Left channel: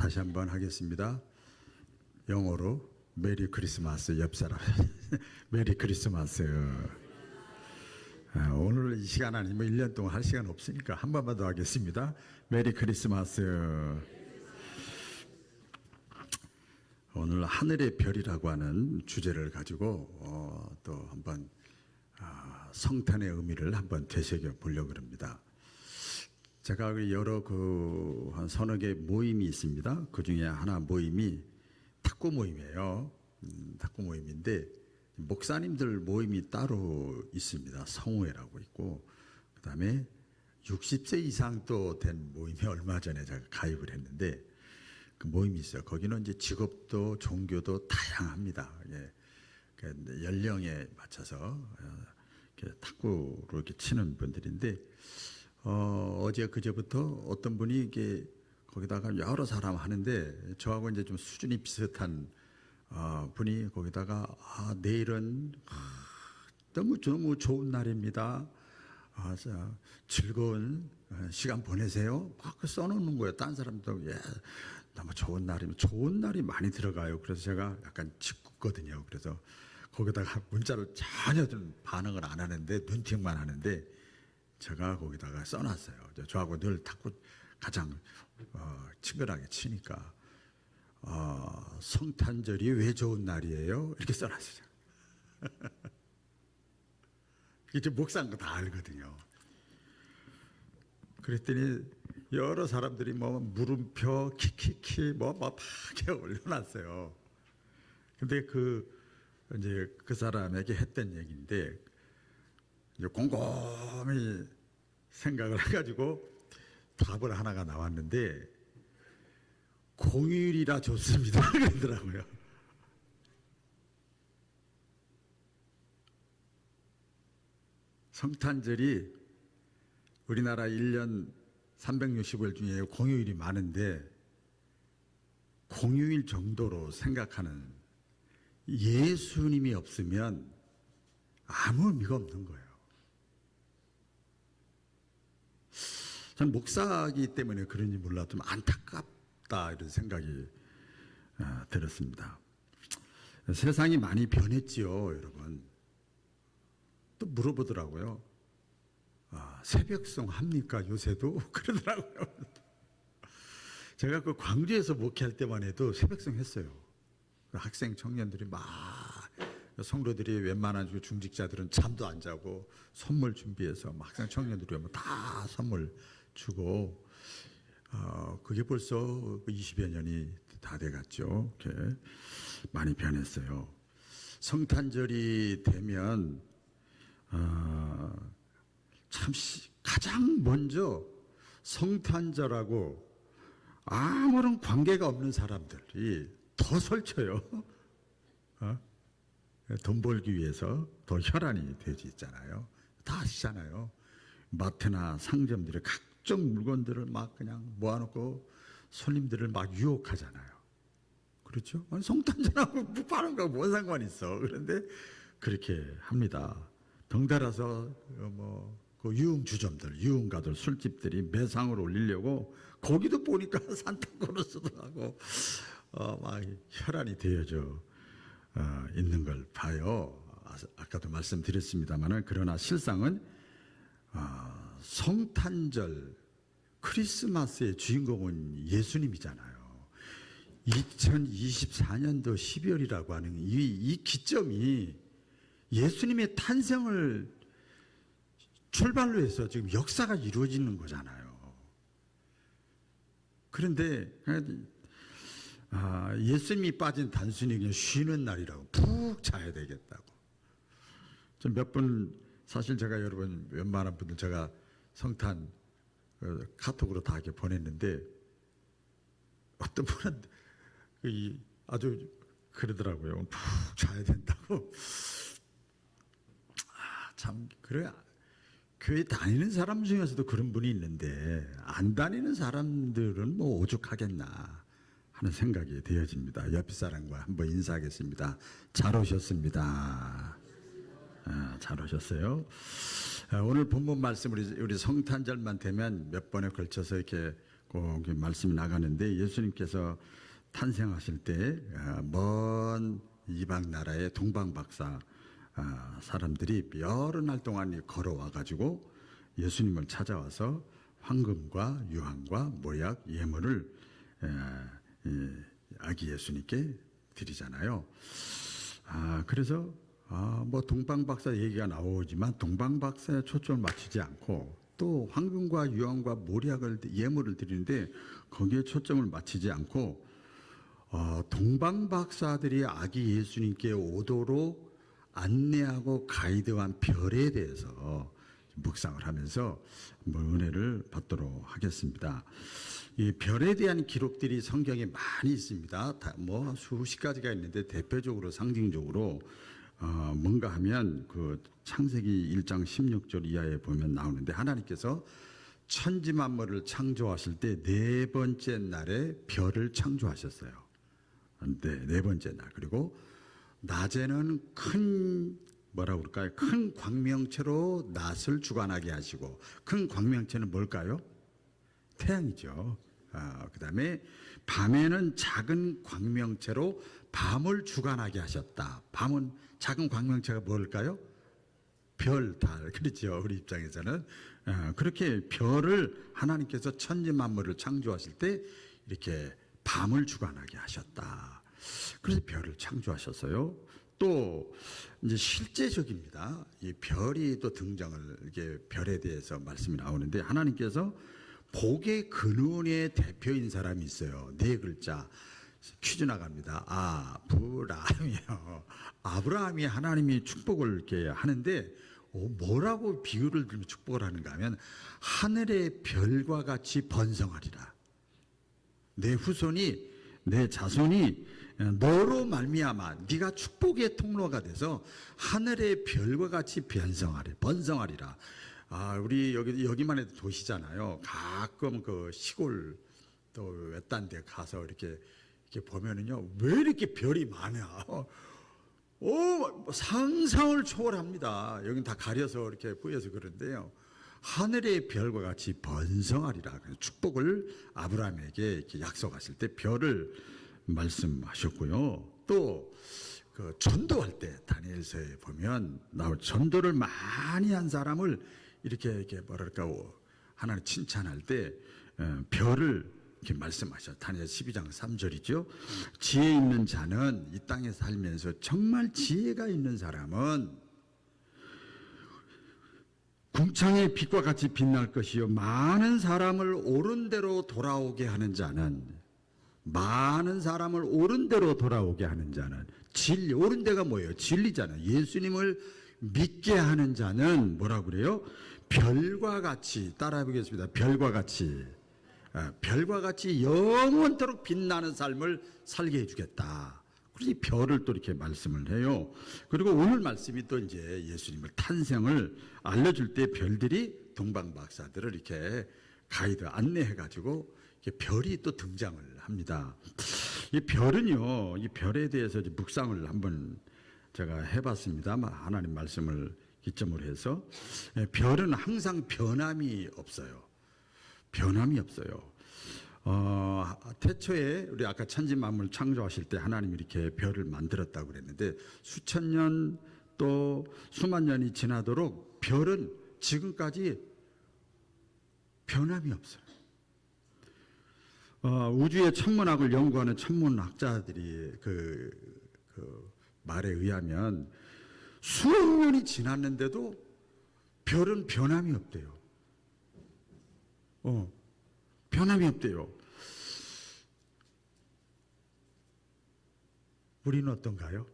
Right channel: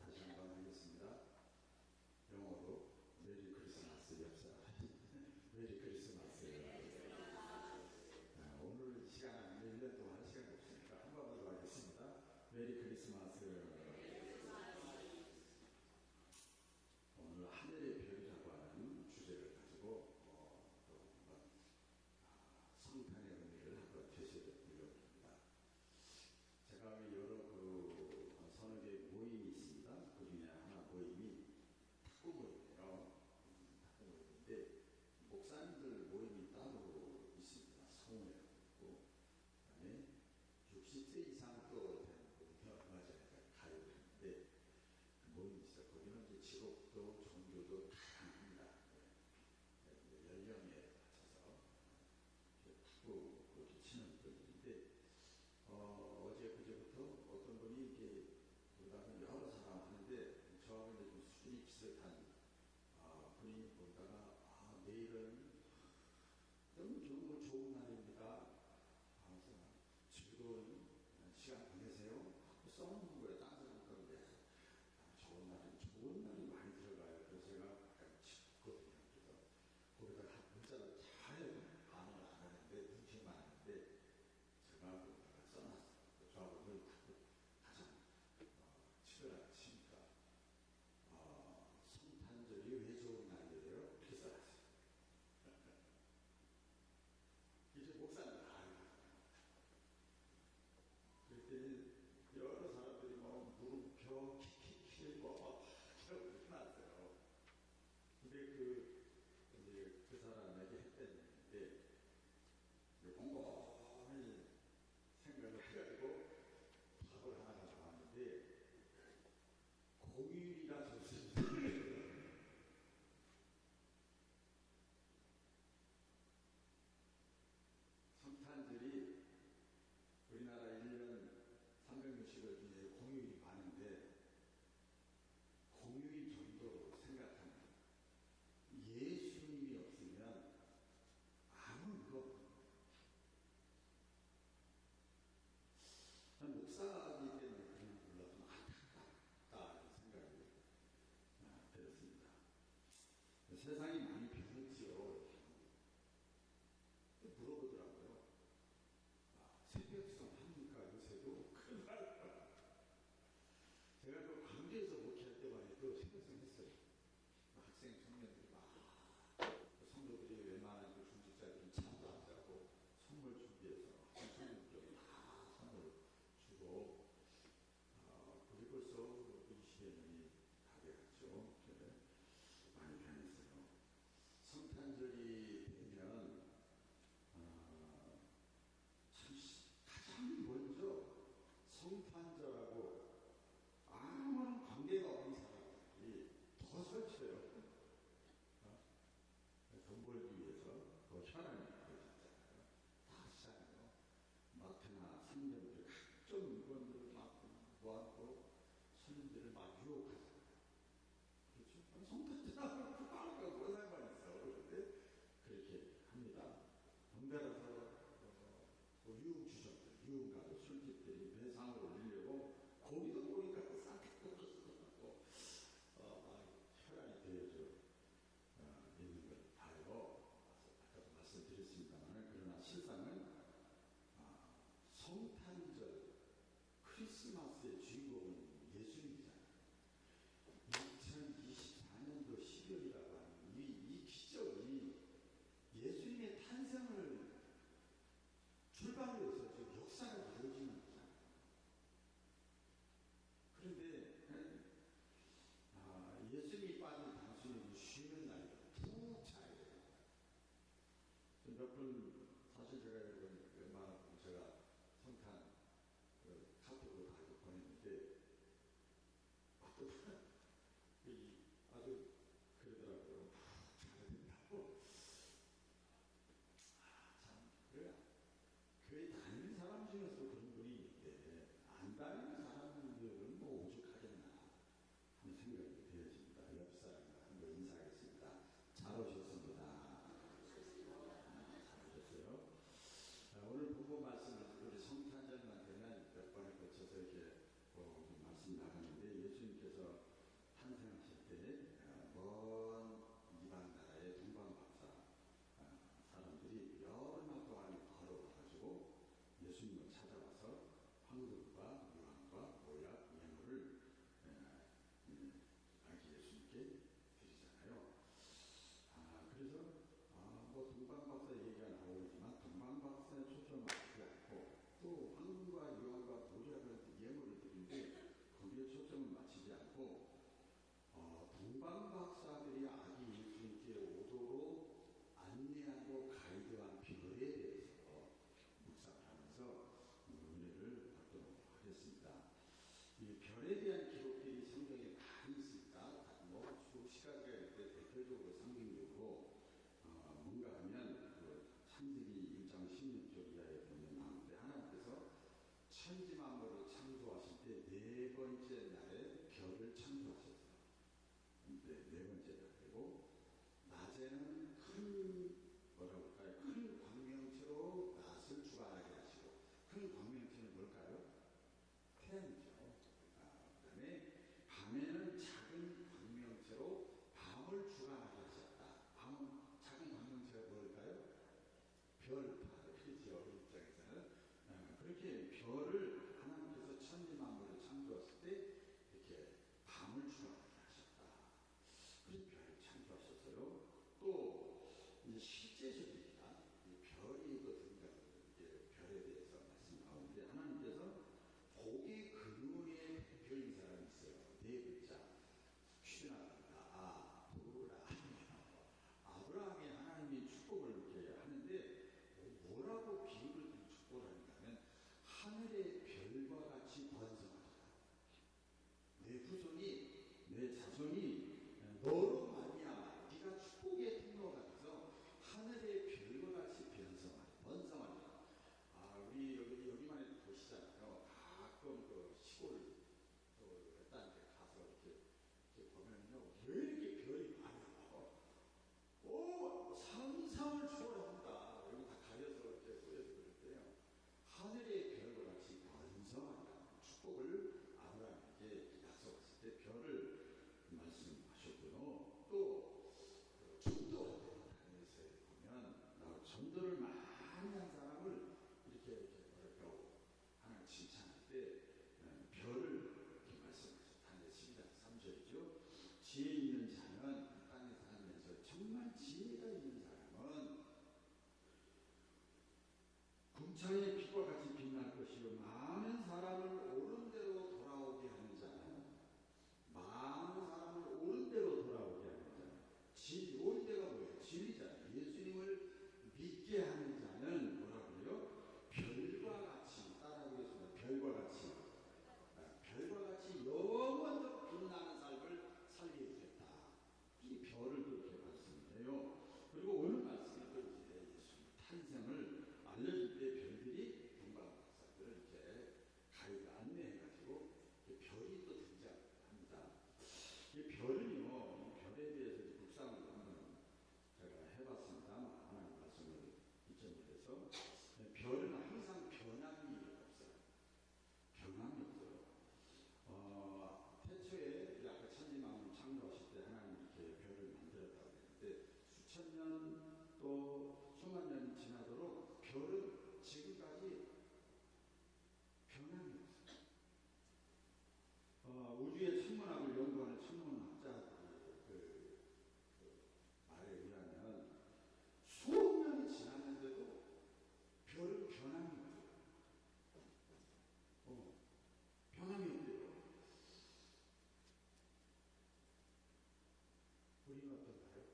다시 한번 하겠습니다. 영어로 메리 크리스마스. 옆 사람 메리 크리스마스. 오늘 이 시간 아니면 1년 동안 할 시간 없으니까 한 번만 더 하겠습니다. 메리 크리스마스. 오늘 하늘의 별이라고 하는 주제를 가지고 또 한번 성탄의 의미를 한번 되새겨 보려고 합니다. 제가 여러 한 서너 개 모임이 있습니다. 그 중에 하나 모임이 탁구 모임이에요. 탁구 모임인데 목사님들 모임이 따로 있습니다. 성우회라고 있고, 그 다음에 60세 이상 또 된 모임에 얼마 전에 제가 가입을 했는데 그 모임이 있어요. 거기는 이제 직업도 종교도 다양합니다. 예. 그러니까 연령에 맞춰서 이렇게 탁구로 이렇게 치는 분들인데 어제 그제부터 어떤 분이 이게 거기다가 여러 사람 하는데 저하고 이제 좀 수준이 비슷한 분이 거기다가 내일은 너무 좋은 날입니다. 자, 즐거운 시간 보내세요. 막 써놓는 거예요. 딴 사람도 너무 좋은 날이면 좋은 날이 많이 들어가요. 그래서 제가 약간 짓궂거든요. 그래서 거기다가 문자를 전혀 좀 반응을 안 하는데 눈팅만 하는데 제가 거기다가 써놨어요. 저하고 늘 탁구 가장 친근하게 치니까 성탄절이 왜 좋은 날이에요? 이렇게 써놨어요. 이게 목사인 거 다 알거든요. 그랬더니 여러 사람들이 물음표 키키키 막 이렇게 올려놨어요. 근데 이제 그 사람에게 했던 얘기인데 이제 곰곰이 생각을 해가지고 답을 하나가 나왔는데 공휴일이라 좋습니다. 그러더라고요. 성탄절이 우리나라 1년 365일 중에 공휴일이 많은데 공휴일 정도로 생각하는 예수님이 없으면 아무 의미가 없는 거예요. 전 목사이기 때문에 그런지 몰라도 좀 안타깝다 이런 생각이 들었습니다. 세상이 많이 변했지요, 여러분. 또 물어보더라고요. 새벽송 합니까 요새도? 그러더라고요. 제가 그 광주에서 목회할 때만 해도 새벽송 했어요. 학생 청년들이 막 성도들이 웬만한 중직자들은 잠도 안 자고 선물 준비해서 막 학생 청년들이 오면 다 선물 주고 그게 벌써 20여 년이 다 돼갔죠. 이렇게 많이 변했어요. 성탄절이 되면 참 가장 먼저 성탄절하고 아무런 관계가 없는 사람들이 더 설쳐요. 돈 벌기 위해서 더 혈안이 되지 있잖아요. 다 아시잖아요. 마트나 상점들의 각종 물건들을 막 그냥 모아놓고 손님들을 막 유혹하잖아요. 그렇죠? 성탄절하고 파는 거 뭔 상관이 있어. 그런데 그렇게 합니다. 덩달아서 그 유흥주점들, 유흥가들, 술집들이 매상을 올리려고 거기도 보니까 산타크로스도 하고 막 혈안이 되어져 있는 걸 봐요. 아까도 말씀드렸습니다만 그러나 실상은 성탄절, 크리스마스의 주인공은 예수님이잖아요. 2024년도 12월이라고 하는 이 기점이 예수님의 탄생을 출발로 해서 지금 역사가 이루어지는 거잖아요. 그런데 예수님이 빠진 단순히 그냥 쉬는 날이라고 푹 자야 되겠다고. 좀 몇 분 사실 제가 여러분 웬만한 분들 제가 성탄 카톡으로 다 이렇게 보냈는데 어떤 분은 아주 그러더라고요. 푹 자야 된다고. 참 그래. 교회 다니는 사람 중에서도 그런 분이 있는데 안 다니는 사람들은 오죽하겠나 하는 생각이 되어집니다. 옆 사람과 한번 인사하겠습니다. 잘 오셨습니다. 잘 오셨어요. 오늘 본문 말씀 우리 성탄절만 되면 몇 번에 걸쳐서 이렇게 꼭 말씀이 나가는데 예수님께서 탄생하실 때 먼 이방 나라의 동방 박사 사람들이 여러 날 동안 걸어와 가지고 예수님을 찾아와서 황금과 유황과 모약 예물을 아기 예수님께 드리잖아요. 그래서 뭐 동방 박사 얘기가 나오지만 동방 박사에 초점을 맞추지 않고 또 황금과 유황과 모략을 예물을 드리는데 거기에 초점을 맞추지 않고 동방 박사들이 아기 예수님께 오도록 안내하고 가이드한 별에 대해서 묵상을 하면서 은혜를 받도록 하겠습니다. 이 별에 대한 기록들이 성경에 많이 있습니다. 뭐 수십 가지가 있는데 대표적으로 상징적으로 뭔가 하면 그 창세기 1장 16절 이하에 보면 나오는데 하나님께서 천지 만물을 창조하실 때 네 번째 날에 별을 창조하셨어요. 네 번째 날. 그리고 낮에는 큰 뭐라고 그럴까요? 큰 광명체로 낮을 주관하게 하시고 큰 광명체는 뭘까요? 태양이죠. 그다음에 밤에는 작은 광명체로 밤을 주관하게 하셨다. 밤은 작은 광명체가 뭘까요? 별, 달. 그렇죠. 우리 입장에서는 그렇게 별을 하나님께서 천지 만물을 창조하실 때 이렇게 밤을 주관하게 하셨다. 그래서 별을 창조하셨어요. 또 이제 실제적입니다. 이 별이 또 등장을 이게 별에 대해서 말씀이 나오는데 하나님께서 복의 근원의 대표인 사람이 있어요. 네 글자. 퀴즈 나갑니다. 아브라함이요. 아브라함이 하나님이 축복을 이렇게 하는데 뭐라고 비유를 들면 축복을 하는가 하면 하늘의 별과 같이 번성하리라. 내 후손이 내 자손이 너로 말미암아 네가 축복의 통로가 돼서 하늘의 별과 같이 번성하리라. 우리 여기만 해도 도시잖아요. 가끔 그 시골 또 외딴 데 가서 이렇게 보면은요, 왜 이렇게 별이 많아? 상상을 초월합니다. 여긴 다 가려서 이렇게 보여서 그런데요. 하늘의 별과 같이 번성하리라. 축복을 아브라함에게 이렇게 약속하실 때 별을 말씀하셨고요. 또 그 전도할 때 다니엘서에 보면 전도를 많이 한 사람을 이렇게 뭐랄까 하나님 칭찬할 때 별을 이렇게 말씀하셔. 다니엘 12장 3절이죠. 지혜 있는 자는 이 땅에 살면서 정말 지혜가 있는 사람은 궁창의 빛과 같이 빛날 것이요 많은 사람을 옳은 대로 돌아오게 하는 자는 진리, 옳은 데가 뭐예요? 진리잖아요. 예수님을 믿게 하는 자는 뭐라고 그래요? 별과 같이, 따라해 보겠습니다. 별과 같이 영원토록 빛나는 삶을 살게 해주겠다. 그래서 이 별을 또 이렇게 말씀을 해요. 그리고 오늘 말씀이 또 이제 예수님을 탄생을 알려줄 때 별들이 동방 박사들을 이렇게 가이드 안내해가지고 별이 또 등장을 합니다. 이 별은요, 이 별에 대해서 묵상을 한번 제가 해봤습니다. 하나님 말씀을 기점으로 해서 별은 항상 변함이 없어요. 태초에 우리 아까 천지 만물 창조하실 때 하나님이 이렇게 별을 만들었다고 그랬는데 수천 년 또 수만 년이 지나도록 별은 지금까지 변함이 없어요. 우주의 천문학을 연구하는 천문학자들이 그 말에 의하면 수억 년이 지났는데도 별은 변함이 없대요. 변함이 없대요. 우리는 어떤가요?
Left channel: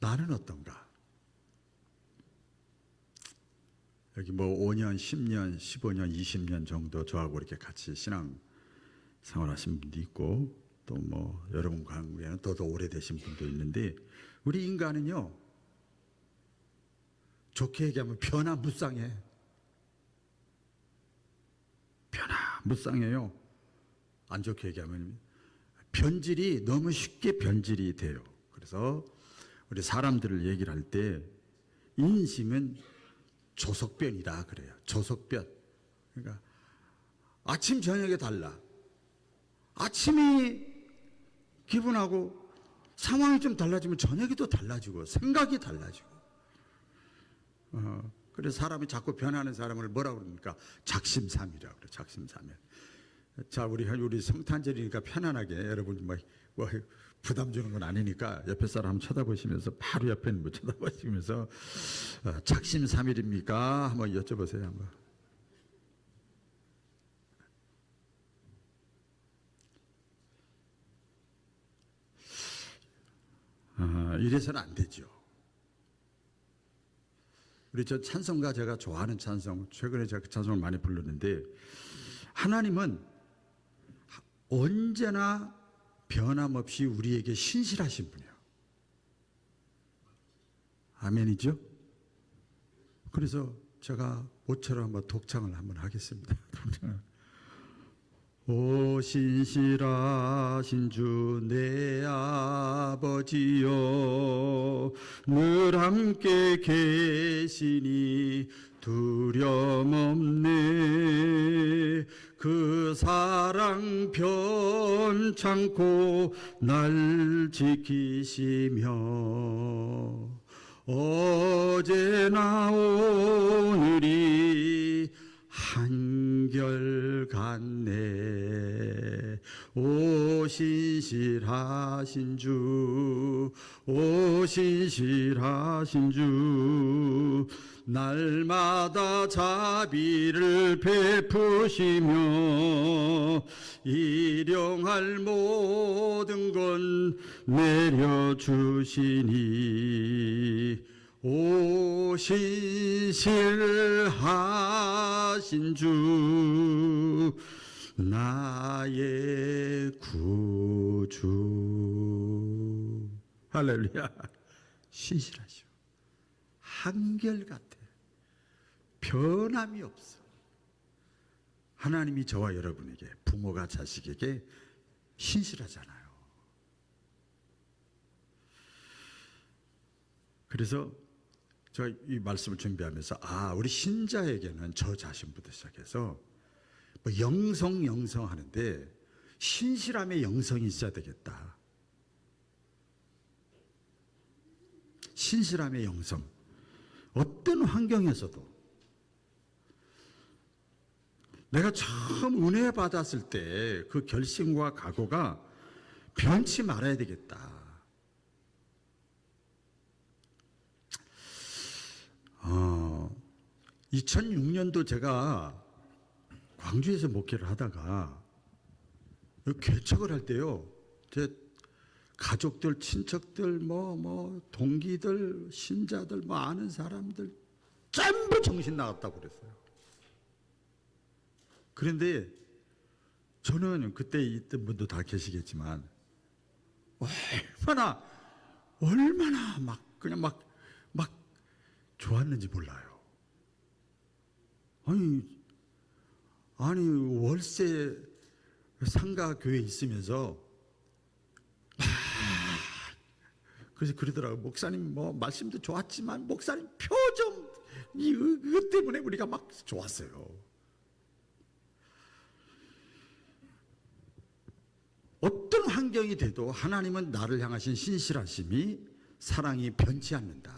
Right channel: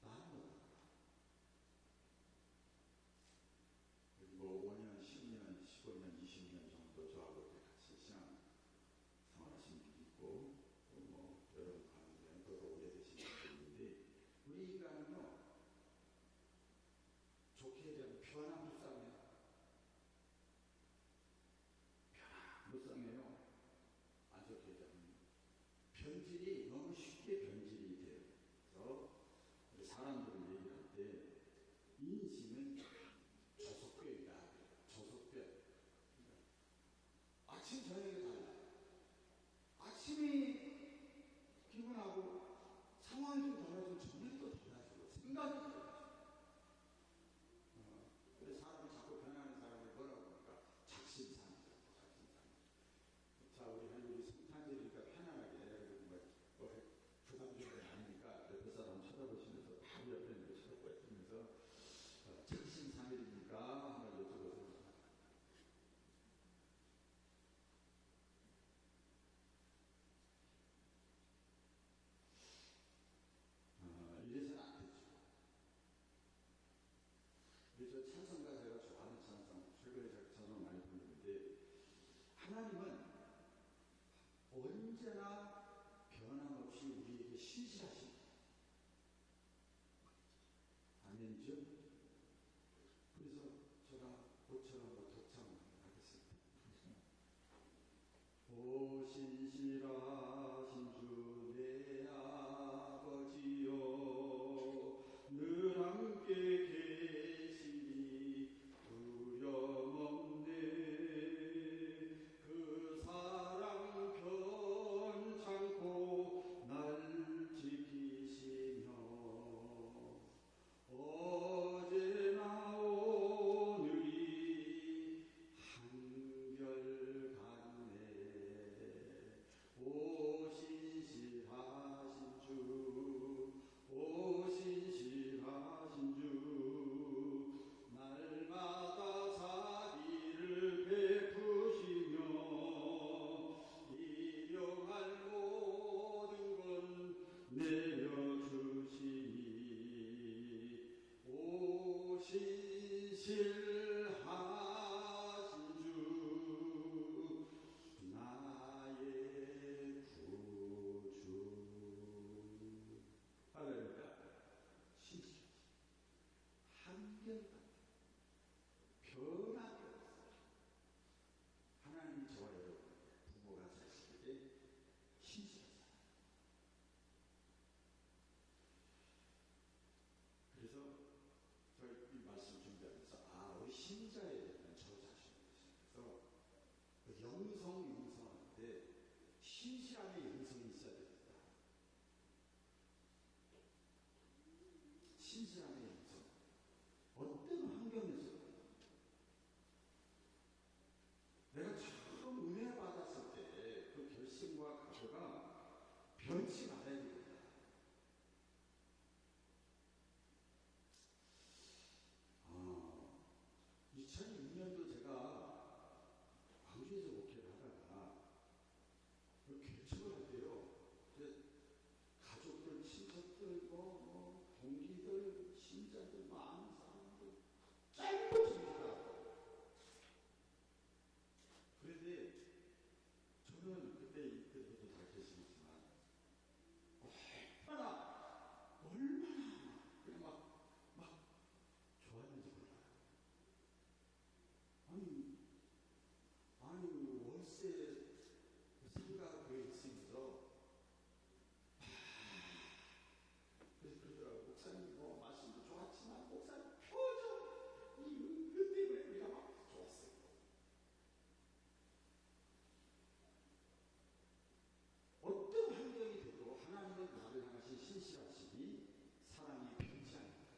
나는 어떤가? 여기 뭐 5년, 10년, 15년, 20년 정도 저하고 이렇게 같이 신앙 생활하신 분도 있고 또 뭐 여러분 관계는 더 오래되신 분도 있는데 우리 인간은요 좋게 얘기하면 변화무쌍해요. 안 좋게 얘기하면 변질이 너무 쉽게 변질이 돼요. 그래서 우리 사람들을 얘기를 할 때 인심은 조석변이다 그래요. 조석변. 그러니까 아침 저녁에 달라. 아침이 기분하고 상황이 좀 달라지면 저녁이 또 달라지고 생각이 달라지고. 그래서 사람이 자꾸 변하는 사람을 뭐라고 그럽니까? 작심삼일이라고 그래요. 작심삼일. 자, 우리 성탄절이니까 편안하게 여러분 뭐 부담 주는 건 아니니까 옆에 사람 쳐다보시면서 바로 옆에 있는 거 쳐다보시면서 작심삼일입니까? 한번 여쭤보세요. 한번. 이래서는 안 되죠. 우리 저 찬송가 제가 좋아하는 찬송, 최근에 제가 그 찬송을 많이 불렀는데 하나님은 언제나 변함없이 우리에게 신실하신 분이에요. 아멘이죠? 그래서 제가 모처럼 한번 독창을 한번 하겠습니다. 오 신실하신 주 내 아버지여 늘 함께 계시니 두려움 없네 그 사랑 변찮고 날 지키시며 어제나 오늘이 한결같네 오 신실하신 주 오 신실하신 주 날마다 자비를 베푸시며 일용할 모든 건 내려주시니 오 신실하신 주 나의 구주 할렐루야. 신실하시오. 한결같아. 변함이 없어. 하나님이 저와 여러분에게 부모가 자식에게 신실하잖아요. 그래서 제가 이 말씀을 준비하면서 우리 신자에게는 저 자신부터 시작해서 뭐 영성 하는데 신실함의 영성이 있어야 되겠다. 신실함의 영성. 어떤 환경에서도 내가 처음 은혜 받았을 때 그 결심과 각오가 변치 말아야 되겠다. 2006년도 제가 광주에서 목회를 하다가 개척을 할 때요, 제 가족들, 친척들, 동기들, 신자들, 아는 사람들 전부 정신 나갔다고 그랬어요. 그런데 저는 그때 있던 분도 다 계시겠지만 얼마나 막 좋았는지 몰라요. 아니 월세 상가 교회 있으면서 그래서 그러더라고. 목사님 말씀도 좋았지만 목사님 표정 이거 때문에 우리가 막 좋았어요. 어떤 환경이 돼도 하나님은 나를 향하신 신실하심이 사랑이 변치 않는다.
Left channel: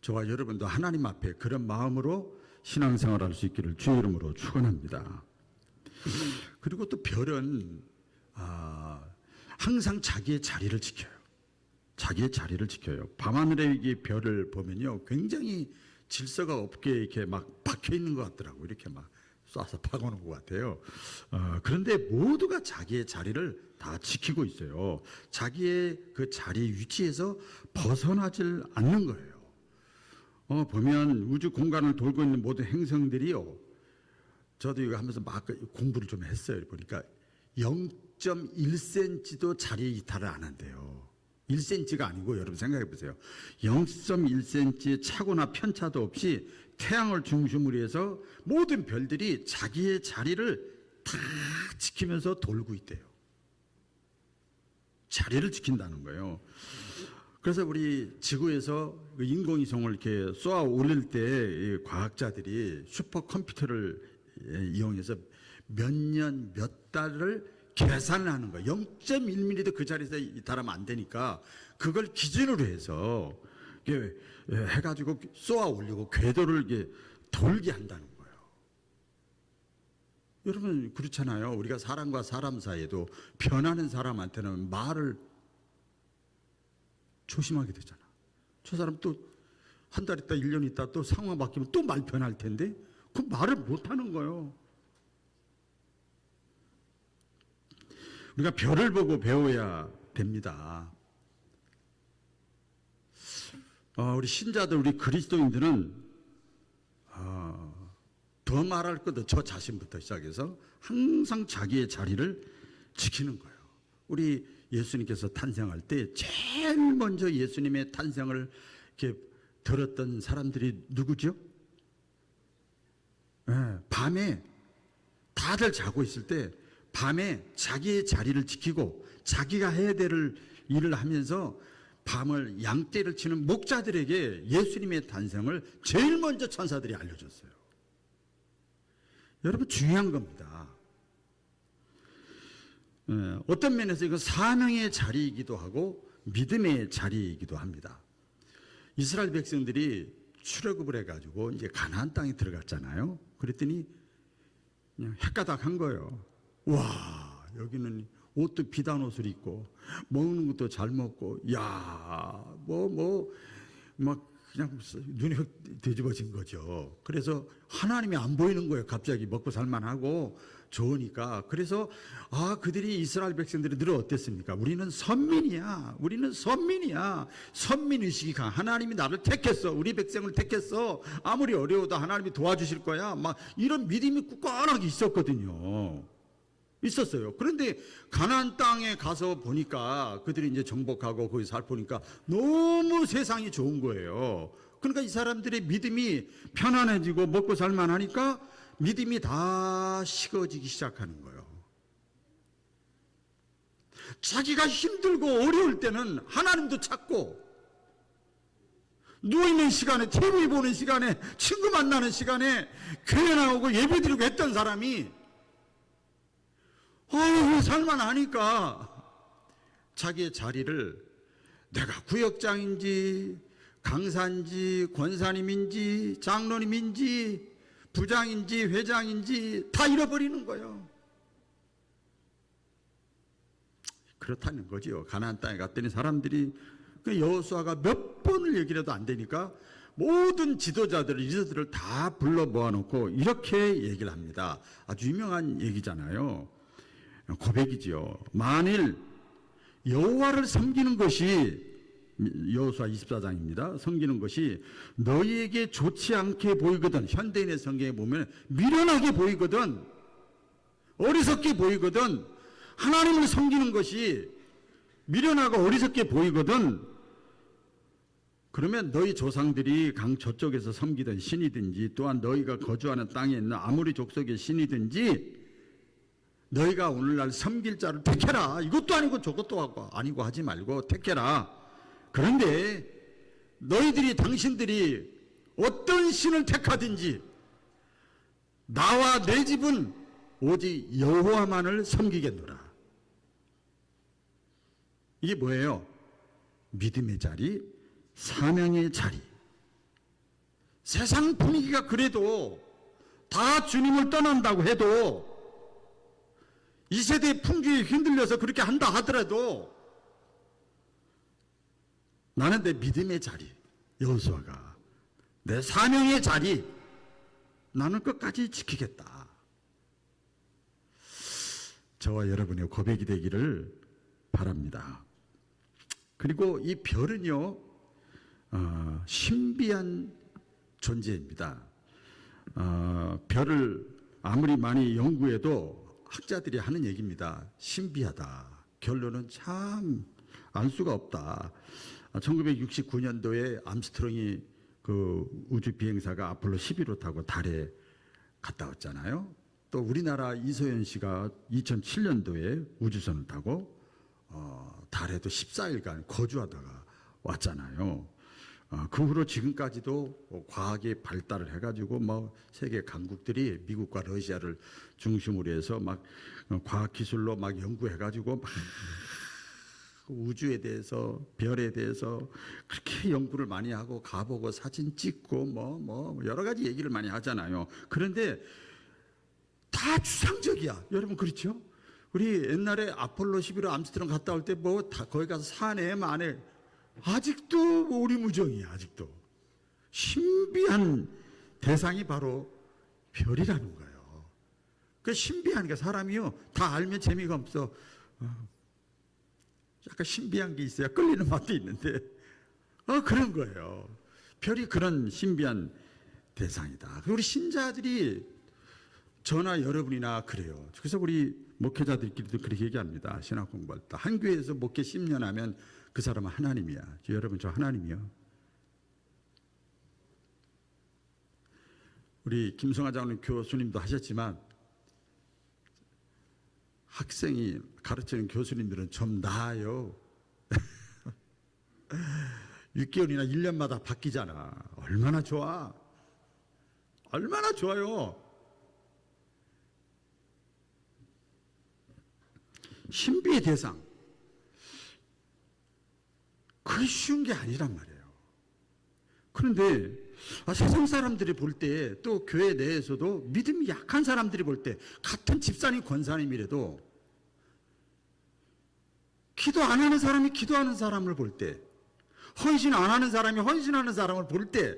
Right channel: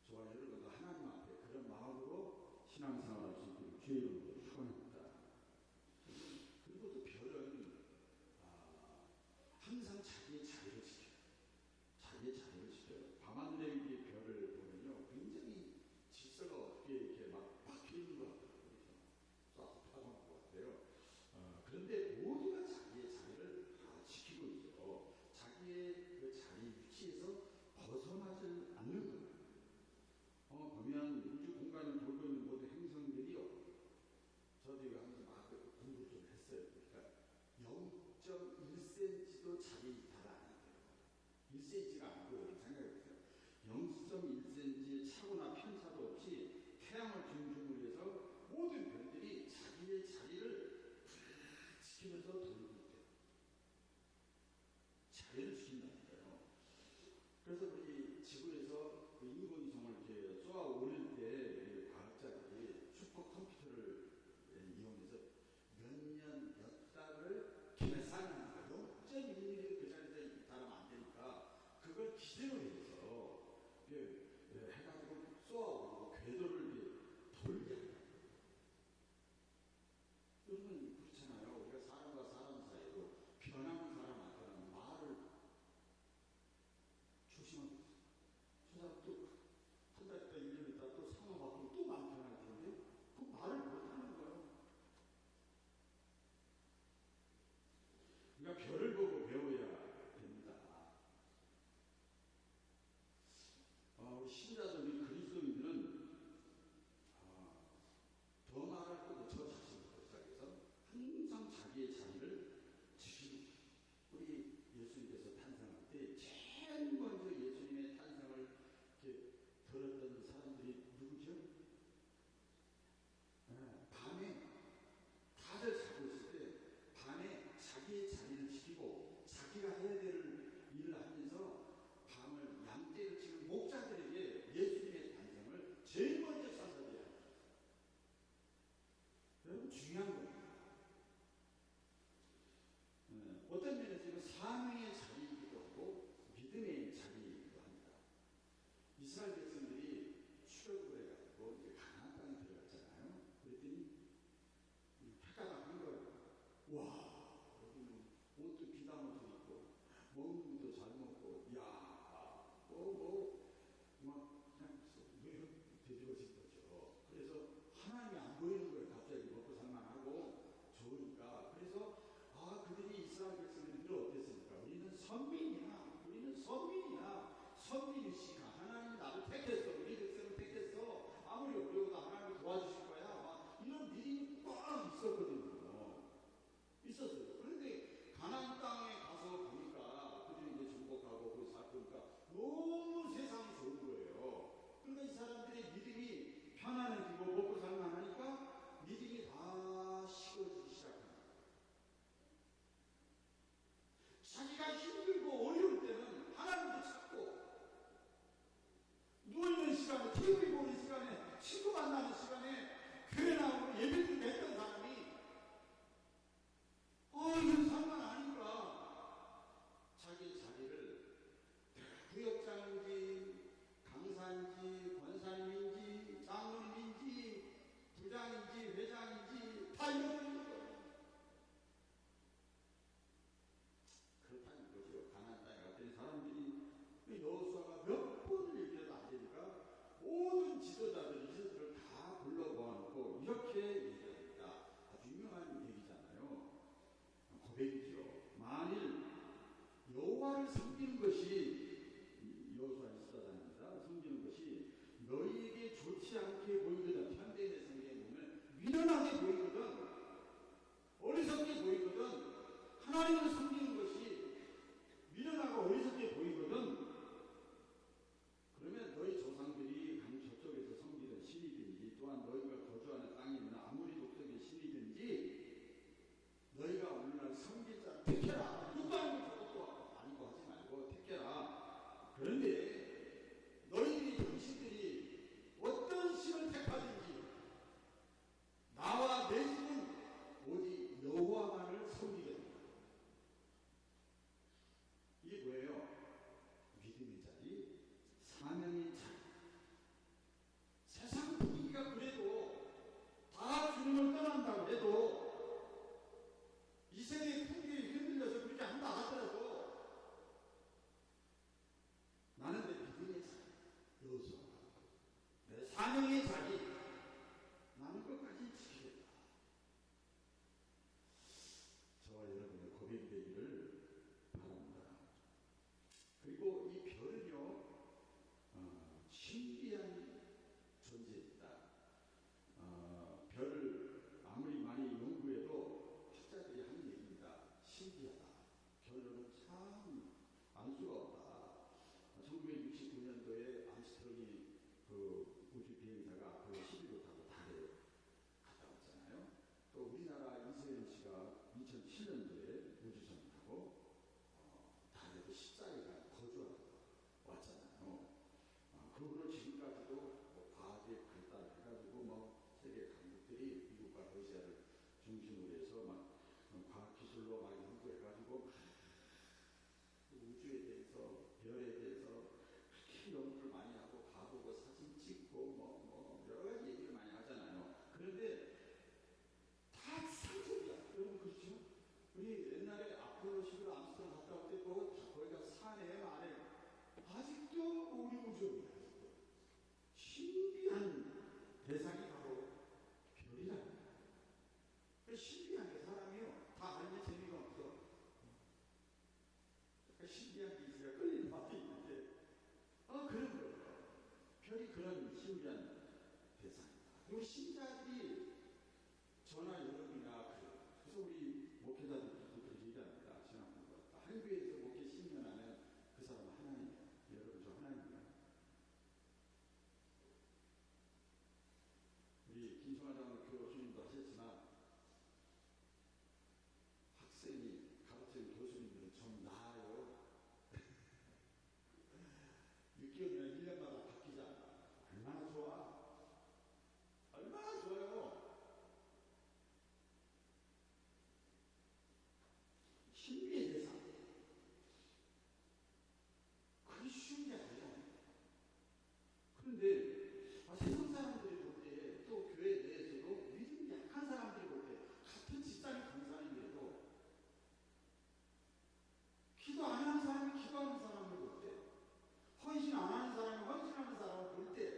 저와 여러분도 하나님 앞에 그런 마음으로 신앙생활할 수 있기를 주의 이름으로 축원합니다. 그리고 또 별은 항상 자기의 자리를 지켜요. 자기의 자리를 지켜요. 밤하늘의 별을 보면요, 굉장히 질서가 없게 이렇게 막 박혀 있는 것 같더라고. 이렇게 막 쏴서 박아놓은 것 같아요. 그런데 모두가 자기의 자리를 다 지키고 있어요. 자기의 그 자리 위치에서 벗어나질 않는 거예요. 보면 우주 공간을 돌고 있는 모든 행성들이요, 저도 이거 하면서 막 공부를 좀 했어요. 보니까 0.1cm도 자리 이탈을 안 한대요. 1cm가 아니고 여러분 생각해 보세요. 0.1cm의 차고나 편차도 없이 태양을 중심으로 해서 모든 별들이 자기의 자리를 다 지키면서 돌고 있대요. 자리를 지킨다는 거예요. 그래서 우리 지구에서 그 인공위성을 이렇게 쏘아 올릴 때 과학자들이 슈퍼컴퓨터를 이용해서 몇 년, 몇 달을 계산을 하는 거예요. 0.1mm도 그 자리에서 달하면 안 되니까 그걸 기준으로 해서 해가지고 쏘아 올리고 궤도를 돌게 한다는 거예요. 여러분 그렇잖아요. 우리가 사람과 사람 사이에도 변하는 사람한테는 말을 조심하게 되잖아. 저 사람 또 한 달 있다 1년 있다 또 상황 바뀌면 또 말 변할 텐데 그 말을 못하는 거예요. 우리가 별을 보고 배워야 됩니다. 우리 신자들, 우리 그리스도인들은 더 말할 것도 저 자신부터 시작해서 항상 자기의 자리를 지키는 거예요. 우리 예수님께서 탄생할 때 제일 먼저 예수님의 탄생을 이렇게 들었던 사람들이 누구죠? 밤에 다들 자고 있을 때 밤에 자기의 자리를 지키고 자기가 해야 될 일을 하면서 밤을 양떼를 치는 목자들에게 예수님의 탄생을 제일 먼저 천사들이 알려줬어요. 여러분 중요한 겁니다. 어떤 면에서 이거 사명의 자리이기도 하고 믿음의 자리이기도 합니다. 이스라엘 백성들이 출애굽을 해가지고 이제 가나안 땅에 들어갔잖아요. 그랬더니 그냥 헷가닥한 거예요. 와, 여기는 옷도 비단 옷을 입고 먹는 것도 잘 먹고, 야, 막 그냥 눈이 흙 뒤집어진 거죠. 그래서 하나님이 안 보이는 거예요. 갑자기 먹고 살만하고 좋으니까. 그래서 그들이 이스라엘 백성들이 늘 어땠습니까? 우리는 선민이야. 우리는 선민이야. 선민의식이 강한 하나님이 나를 택했어. 우리 백성을 택했어. 아무리 어려워도 하나님이 도와주실 거야. 막 이런 믿음이 굳건하게 있었거든요. 있었어요. 그런데 가나안 땅에 가서 보니까 그들이 이제 정복하고 거기 살보니까 너무 세상이 좋은 거예요. 그러니까 이 사람들의 믿음이 편안해지고 먹고 살만하니까 믿음이 다 식어지기 시작하는 거예요. 자기가 힘들고 어려울 때는 하나님도 찾고 누워있는 시간에 TV 보는 시간에 친구 만나는 시간에 교회 나오고 예배드리고 했던 사람이 살만하니까 자기의 자리를 내가 구역장인지 강사인지 권사님인지 장로님인지 부장인지 회장인지 다 잃어버리는 거예요. 그렇다는 거지요. 가나안 땅에 갔더니 사람들이 그 여호수아가 몇 번을 얘기를 해도 안 되니까 모든 지도자들, 리더들을 다 불러 모아놓고 이렇게 얘기를 합니다. 아주 유명한 얘기잖아요. 고백이지요. 만일 여호와를 섬기는 것이 여호수아 24장입니다. 섬기는 것이 너희에게 좋지 않게 보이거든, 현대인의 성경에 보면 미련하게 보이거든, 어리석게 보이거든, 하나님을 섬기는 것이 미련하고 어리석게 보이거든, 그러면 너희 조상들이 강 저쪽에서 섬기던 신이든지 또한 너희가 거주하는 땅에 있는 아무리 족속의 신이든지 너희가 오늘날 섬길 자를 택해라. 이것도 아니고 저것도 아니고 하지 말고 택해라. 그런데 너희들이 당신들이 어떤 신을 택하든지 나와 내 집은 오직 여호와만을 섬기겠노라. 이게 뭐예요? 믿음의 자리, 사명의 자리. 세상 분위기가 그래도 다 주님을 떠난다고 해도 이 세대의 풍기에 흔들려서 그렇게 한다 하더라도 나는 내 믿음의 자리, 여호수아가 내 사명의 자리, 나는 끝까지 지키겠다. 저와 여러분의 고백이 되기를 바랍니다. 그리고 이 별은요, 신비한 존재입니다. 별을 아무리 많이 연구해도 학자들이 하는 얘기입니다. 신비하다. 결론은 참 알 수가 없다. 1969년도에 암스트롱이 그 우주 비행사가 아폴로 11호 타고 달에 갔다 왔잖아요. 또 우리나라 이소연 씨가 2007년도에 우주선을 타고 달에도 14일간 거주하다가 왔잖아요. 그 후로 지금까지도 과학이 발달을 해가지고 뭐 세계 강국들이 미국과 러시아를 중심으로 해서 막 과학 기술로 막 연구해가지고 막 우주에 대해서 별에 대해서 그렇게 연구를 많이 하고 가보고 사진 찍고 뭐 여러 가지 얘기를 많이 하잖아요. 그런데 다 추상적이야. 여러분 그렇죠? 우리 옛날에 아폴로 11호 암스트롱 갔다 올 때 뭐 다 거기 가서 사내 만에 아직도 오리무정이야. 아직도 신비한 대상이 바로 별이라는 거예요. 그 신비한 게 사람이요 다 알면 재미가 없어. 약간 신비한 게 있어야 끌리는 맛도 있는데 그런 거예요. 별이 그런 신비한 대상이다. 우리 신자들이 저나 여러분이나 그래요. 그래서 우리 목회자들끼리도 그렇게 얘기합니다. 신학 공부할 때 한 교회에서 목회 10년 하면 그 사람은 하나님이야. 여러분 저 하나님이요. 우리 김성하 장로님 교수님도 하셨지만 학생이 가르치는 교수님들은 좀 나아요. 6개월이나 1년마다 바뀌잖아. 얼마나 좋아. 얼마나 좋아요. 신비의 대상. 그게 쉬운 게 아니란 말이에요. 그런데 세상 사람들이 볼 때 또 교회 내에서도 믿음이 약한 사람들이 볼 때 같은 집사님 권사님이라도 기도 안 하는 사람이 기도하는 사람을 볼 때 헌신 안 하는 사람이 헌신하는 사람을 볼 때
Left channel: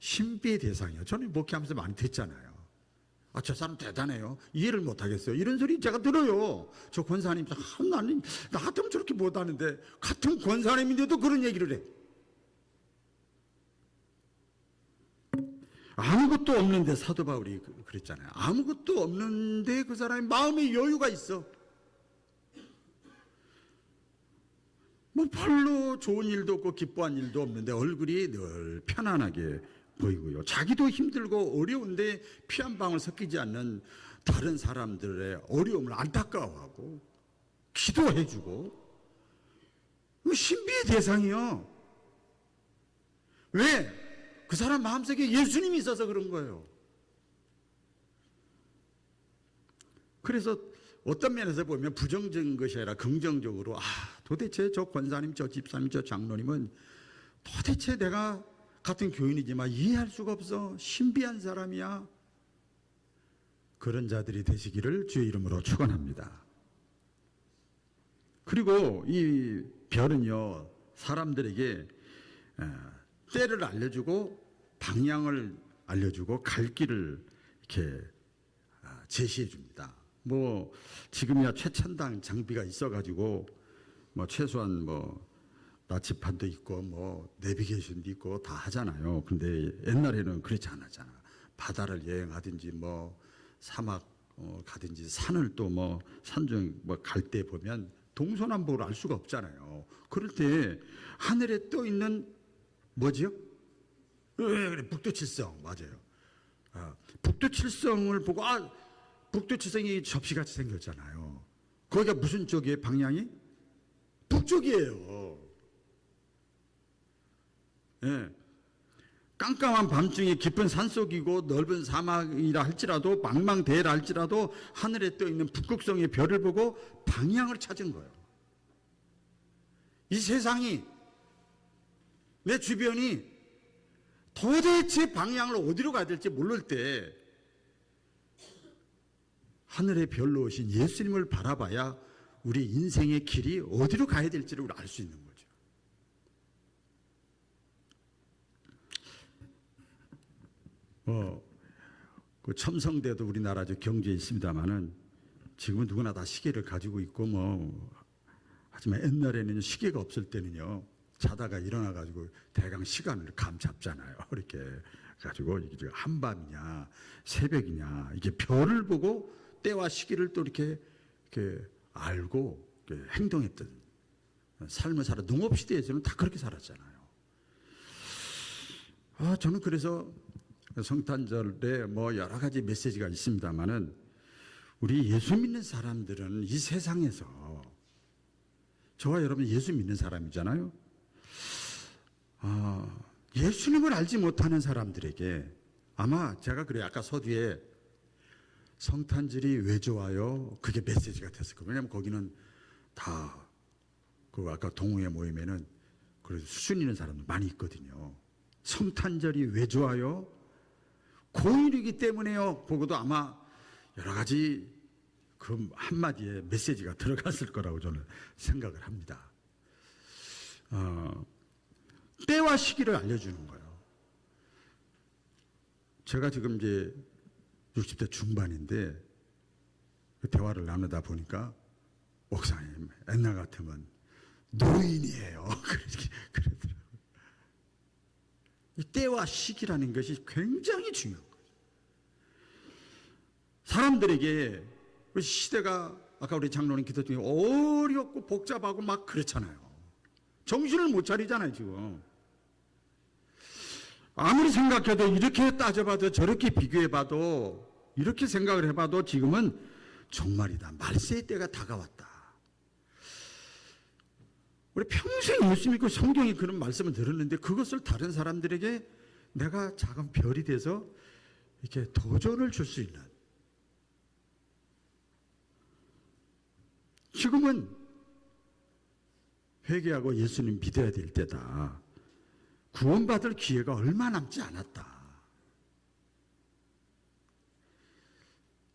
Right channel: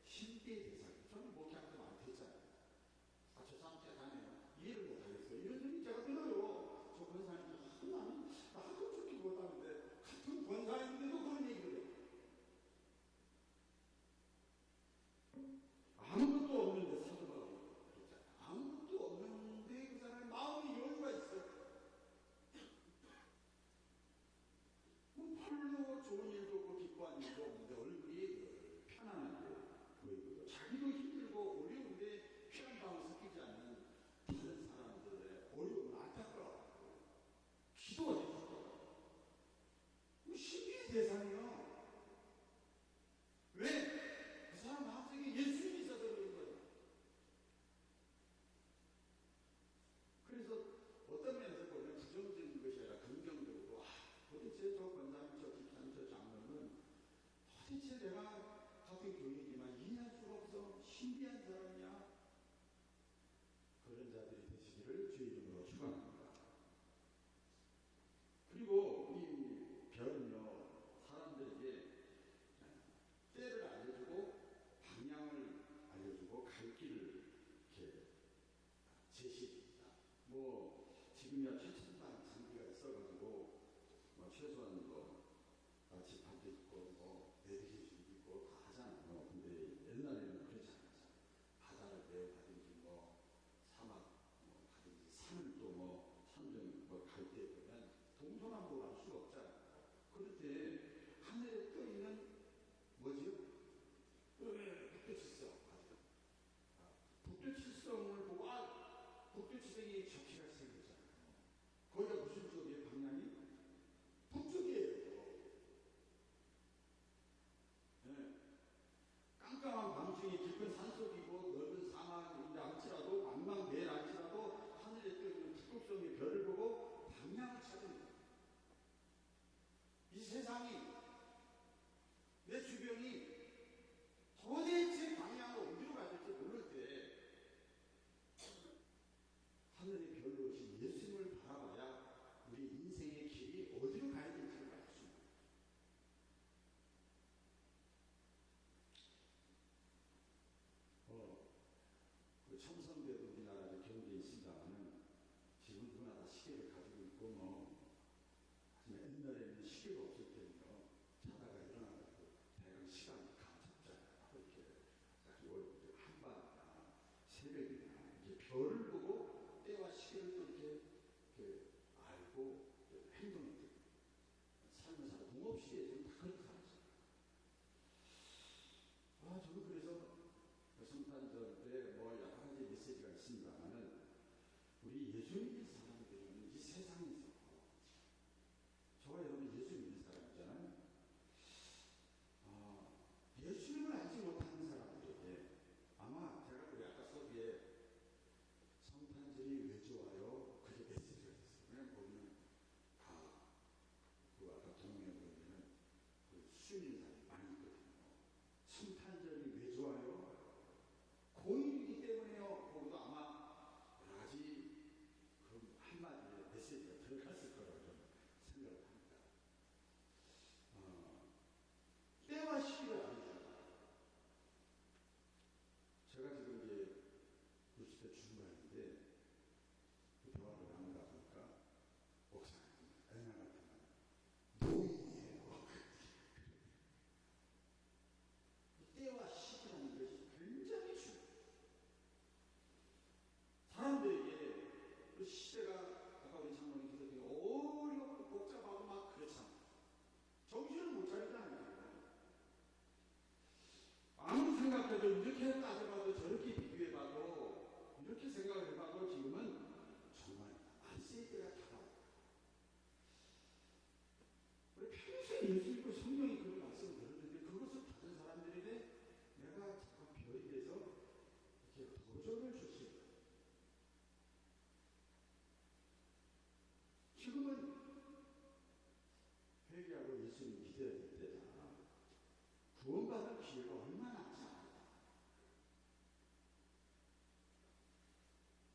신비의 대상이에요. 저는 목회하면서 많이 듣잖아요. 저 사람 대단해요. 이해를 못 하겠어요. 이런 소리 제가 들어요. 저 권사님, 나는 나 같으면 저렇게 못 하는데 같은 권사님인데도 그런 얘기를 해. 아무것도 없는데 사도 바울이 그랬잖아요. 아무것도 없는데 그 사람이 마음에 여유가 있어. 뭐 별로 좋은 일도 없고 기뻐한 일도 없는데 얼굴이 늘 편안하게 보이고요. 자기도 힘들고 어려운데 피 한 방울 섞이지 않는 다른 사람들의 어려움을 안타까워하고 기도해주고 신비의 대상이요. 왜? 그 사람 마음속에 예수님이 있어서 그런 거예요. 그래서 어떤 면에서 보면 부정적인 것이 아니라 긍정적으로 도대체 저 권사님, 저 집사님, 저 장로님은 도대체 내가 같은 교인이지만 이해할 수가 없어. 신비한 사람이야. 그런 자들이 되시기를 주의 이름으로 축원합니다. 그리고 이 별은요 사람들에게 때를 알려주고 방향을 알려주고 갈 길을 이렇게 제시해 줍니다. 뭐 지금이야 최첨단 장비가 있어가지고 뭐 최소한 뭐 나치판도 있고 뭐 내비게이션도 있고 다 하잖아요. 근데 옛날에는 그렇지 않았잖아. 바다를 여행하든지 뭐 사막 가든지 산을 또 뭐 산중 뭐 갈 때 보면 동서남북을 알 수가 없잖아요. 그럴 때 하늘에 떠 있는 뭐지요? 그래 북두칠성 맞아요. 북두칠성을 보고 북두칠성이 접시같이 생겼잖아요. 거기가 무슨 쪽이에요? 방향이? 북쪽이에요. 예. 깜깜한 밤중에 깊은 산속이고 넓은 사막이라 할지라도 망망대해라 할지라도 하늘에 떠있는 북극성의 별을 보고 방향을 찾은 거예요. 이 세상이 내 주변이 도대체 방향을 어디로 가야 될지 모를 때 하늘의 별로 오신 예수님을 바라봐야 우리 인생의 길이 어디로 가야 될지를 알 수 있는 거예요. 그 첨성대도 우리나라 경주에 있습니다만은 지금은 누구나 다 시계를 가지고 있고 하지만 옛날에는 시계가 없을 때는요 자다가 일어나가지고 대강 시간을 감 잡잖아요. 이렇게 가지고 이게 한밤이냐 새벽이냐 이게 별을 보고 때와 시기를 또 이렇게 알고 이렇게 행동했던 삶을 살아. 농업시대에서는 다 그렇게 살았잖아요. 저는 그래서 성탄절에 뭐 여러 가지 메시지가 있습니다만은 우리 예수 믿는 사람들은 이 세상에서 저와 여러분 예수 믿는 사람이잖아요. 예수님을 알지 못하는 사람들에게 아마 제가 그래요. 아까 서두에 성탄절이 왜 좋아요? 그게 메시지가 됐을 거예요. 왜냐하면 거기는 다 그 아까 동호회 모임에는 그래도 수준 있는 사람들 많이 있거든요. 성탄절이 왜 좋아요? 공휴일이기 때문에요. 보고도 아마 여러 가지 그 한마디에 메시지가 들어갔을 거라고 저는 생각을 합니다. 때와 시기를 알려주는 거예요. 제가 지금 이제 60대 중반인데 대화를 나누다 보니까 목사님 옛날 같으면 노인이에요. 그러더라고요. 이 때와 시기라는 것이 굉장히 중요한 거예요. 사람들에게 시대가 아까 우리 장로님 기도 중에 어렵고 복잡하고 막 그렇잖아요. 정신을 못 차리잖아요 지금. 아무리 생각해도 이렇게 따져봐도 저렇게 비교해봐도 이렇게 생각을 해봐도 지금은 종말이다. 말세의 때가 다가왔다. 우리 평생 예수 믿고 성경에 그런 말씀을 들었는데 그것을 다른 사람들에게 내가 작은 별이 돼서 이렇게 도전을 줄 수 있는, 지금은 회개하고 예수님 믿어야 될 때다. 구원받을 기회가 얼마 남지 않았다.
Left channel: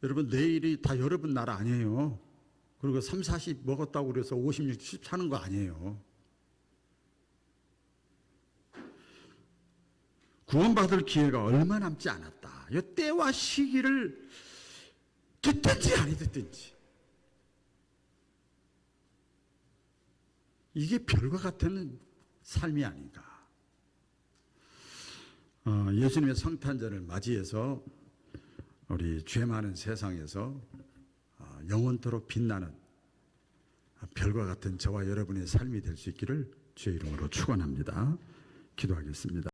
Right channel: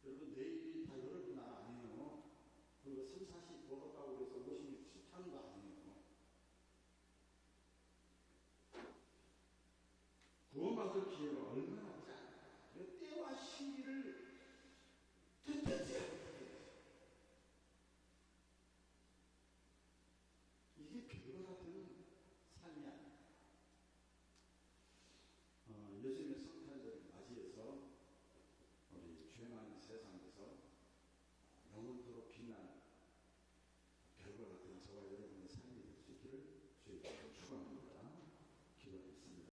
여러분 내일이 다 여러분 날 아니에요. 그리고 3, 40 먹었다고 그래서 50, 60 사는 거 아니에요. 구원받을 기회가 얼마 남지 않았다. 이 때와 시기를 듣든지 안 듣든지 이게 별과 같은 삶이 아닌가. 예수님의 성탄절을 맞이해서 우리 죄 많은 세상에서 영원토록 빛나는 별과 같은 저와 여러분의 삶이 될 수 있기를 주의 이름으로 축원합니다. 기도하겠습니다.